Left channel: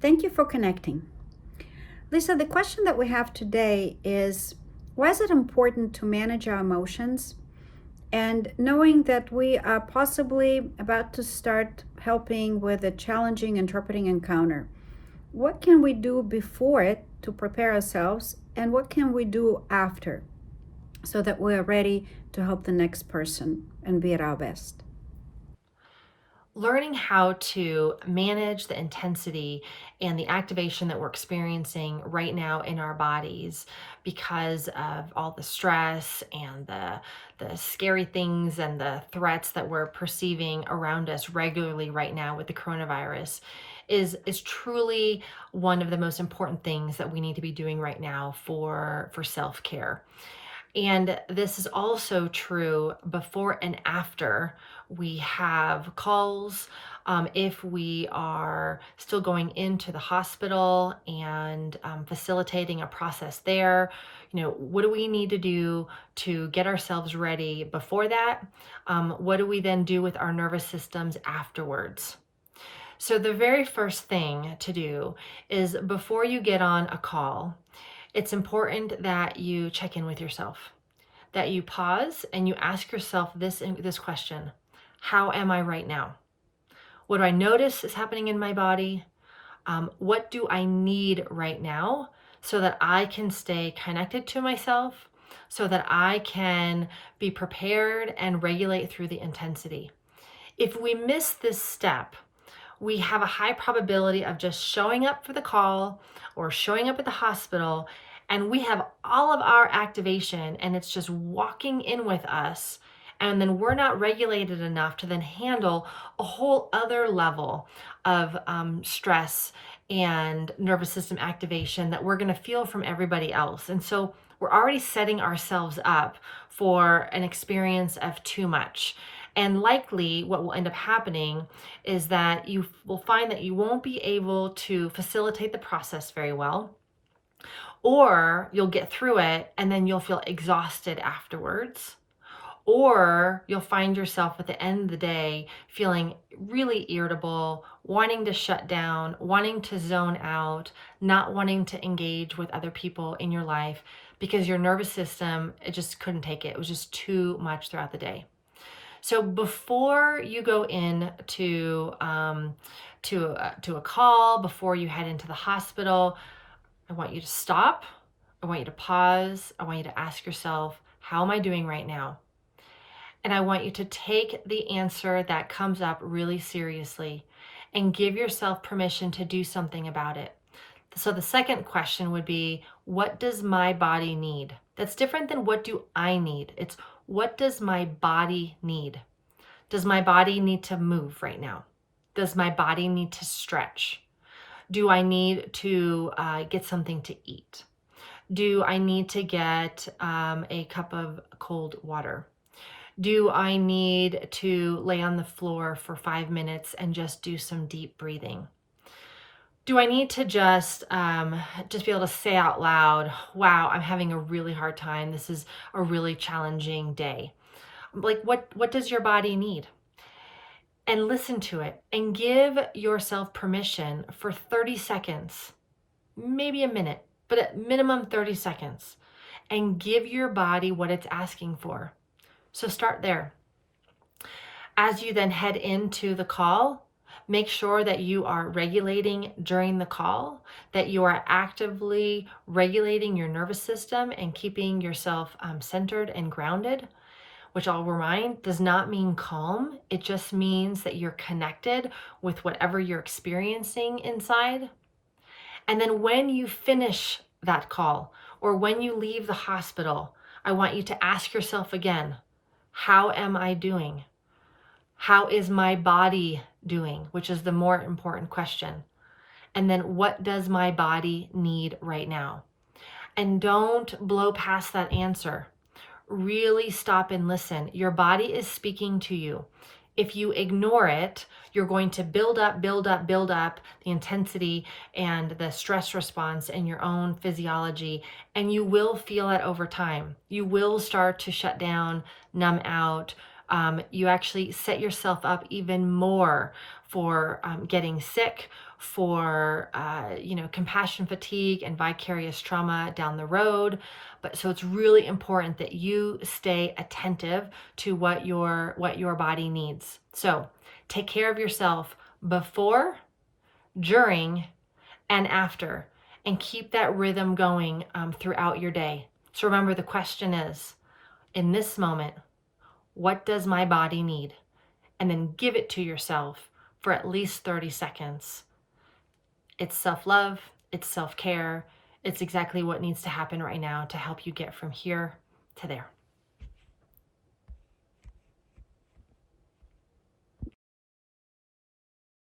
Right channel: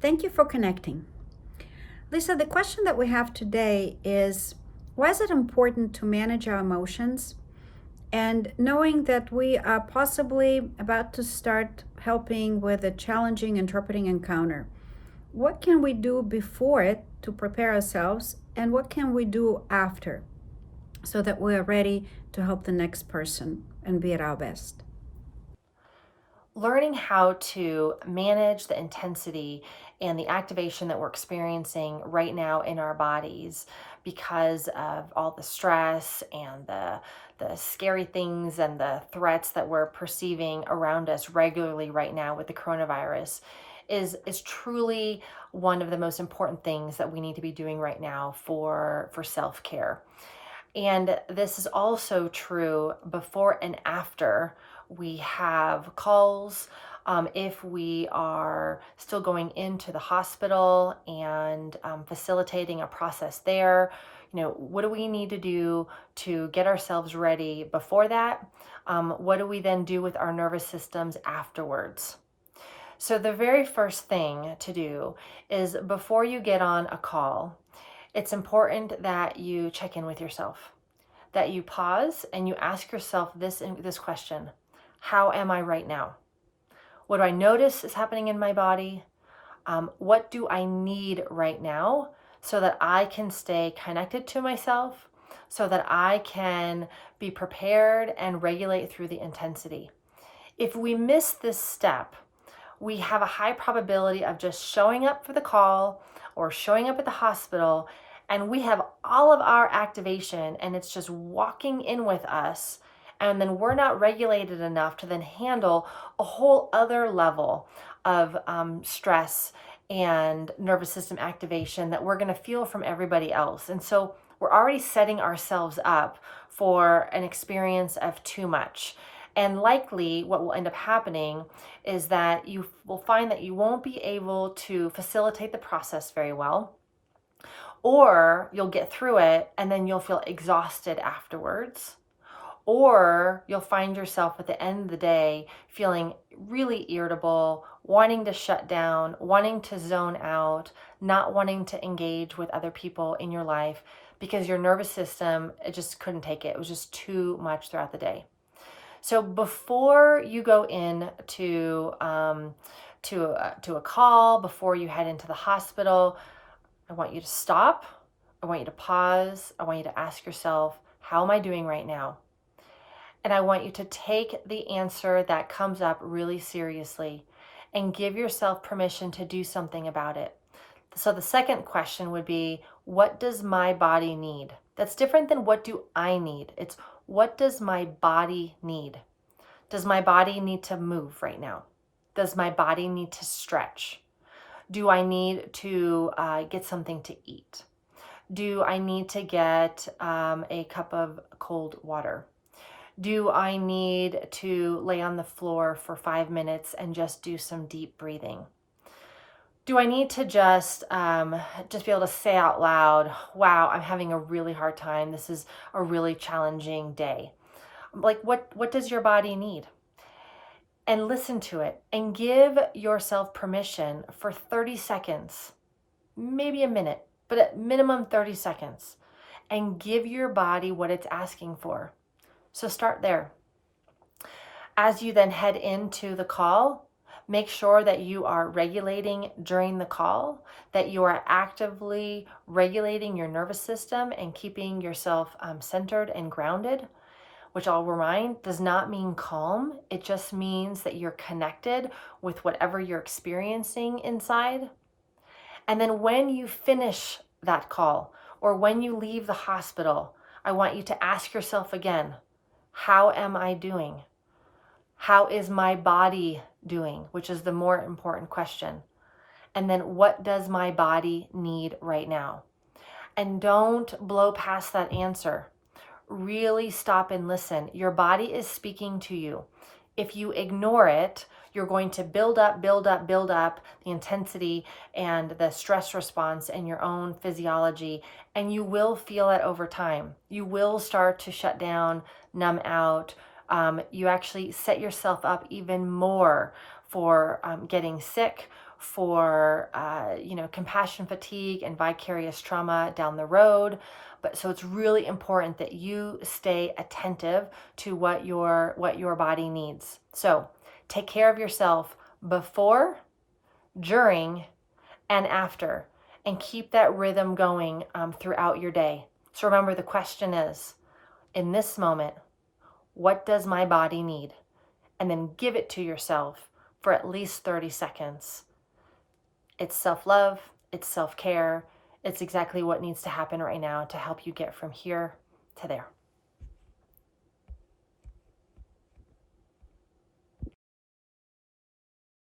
Thank you for connecting. Lisa, the question that we have today is, why is it important to manage our emotions? And knowing that we are possibly about to start helping with a challenging interpreting encounter, what can we do before it to prepare ourselves? And what can we do after so that we are ready to help the next person and be at our best? Learning how to manage the intensity and the activation that we're experiencing right now in our bodies because of all the stress and the scary things and the threats that we're perceiving around us regularly right now with the coronavirus is truly one of the most important things that we need to be doing right now for self-care. And this is also true before and after we have calls. If we are still going into the hospital and facilitating a process there, what do we need to do to get ourselves ready before that? What do we then do with our nervous systems afterwards? So, the very first thing to do is before you get on a call, it's important that you check in with yourself, that you pause and you ask yourself this question: how am I right now? What do I notice is happening in my body? What do I need right now so that I can stay connected to myself, so that I can be prepared and regulate through the intensity? If we miss this step, we have a high probability of just showing up for the call or showing up at the hospital, and we have all of our activation and it's just walking in with us, and then we're not regulated enough to then handle a whole other level of stress and nervous system activation that we're going to feel from everybody else. And so we're already setting ourselves up for an experience of too much. And likely, what will end up happening is that you will find that you won't be able to facilitate the process very well, or you'll get through it and then you'll feel exhausted afterwards. Or you'll find yourself at the end of the day feeling really irritable, wanting to shut down, wanting to zone out, not wanting to engage with other people in your life because your nervous system, it just couldn't take it. It was just too much throughout the day. So before you go in to a call, before you head into the hospital, I want you to stop. I want you to pause. I want you to ask yourself, how am I doing right now? And I want you to take the answer that comes up really seriously and give yourself permission to do something about it. So the second question would be, what does my body need? That's different than what do I need? It's what does my body need? Does my body need to move right now? Does my body need to stretch? Do I need to get something to eat? Do I need to get a cup of cold water? Do I need to lay on the floor for 5 minutes and just do some deep breathing? Do I need to just be able to say out loud, wow, I'm having a really hard time. This is a really challenging day. Like what does your body need? And listen to it and give yourself permission for 30 seconds, maybe a minute, but at minimum 30 seconds, and give your body what it's asking for. So start there. As you then head into the call, make sure that you are regulating during the call, that you are actively regulating your nervous system and keeping yourself centered and grounded, which I'll remind does not mean calm. It just means that you're connected with whatever you're experiencing inside. And then when you finish that call or when you leave the hospital, I want you to ask yourself again, how am I doing? How is my body doing? Which is the more important question. And then what does my body need right now? And don't blow past that answer. Really stop and listen. Your body is speaking to you. If you ignore it, you're going to build up the intensity and the stress response in your own physiology, and you will feel it over time. You will start to shut down, numb out, you actually set yourself up even more for getting sick, for compassion fatigue and vicarious trauma down the road. But so it's really important that you stay attentive to what your body needs. So take care of yourself before, during, and after, and keep that rhythm going throughout your day. So remember, the question is, in this moment, what does my body need? And then give it to yourself for at least 30 seconds. It's self-love, it's self-care, it's exactly what needs to happen right now to help you get from here to there.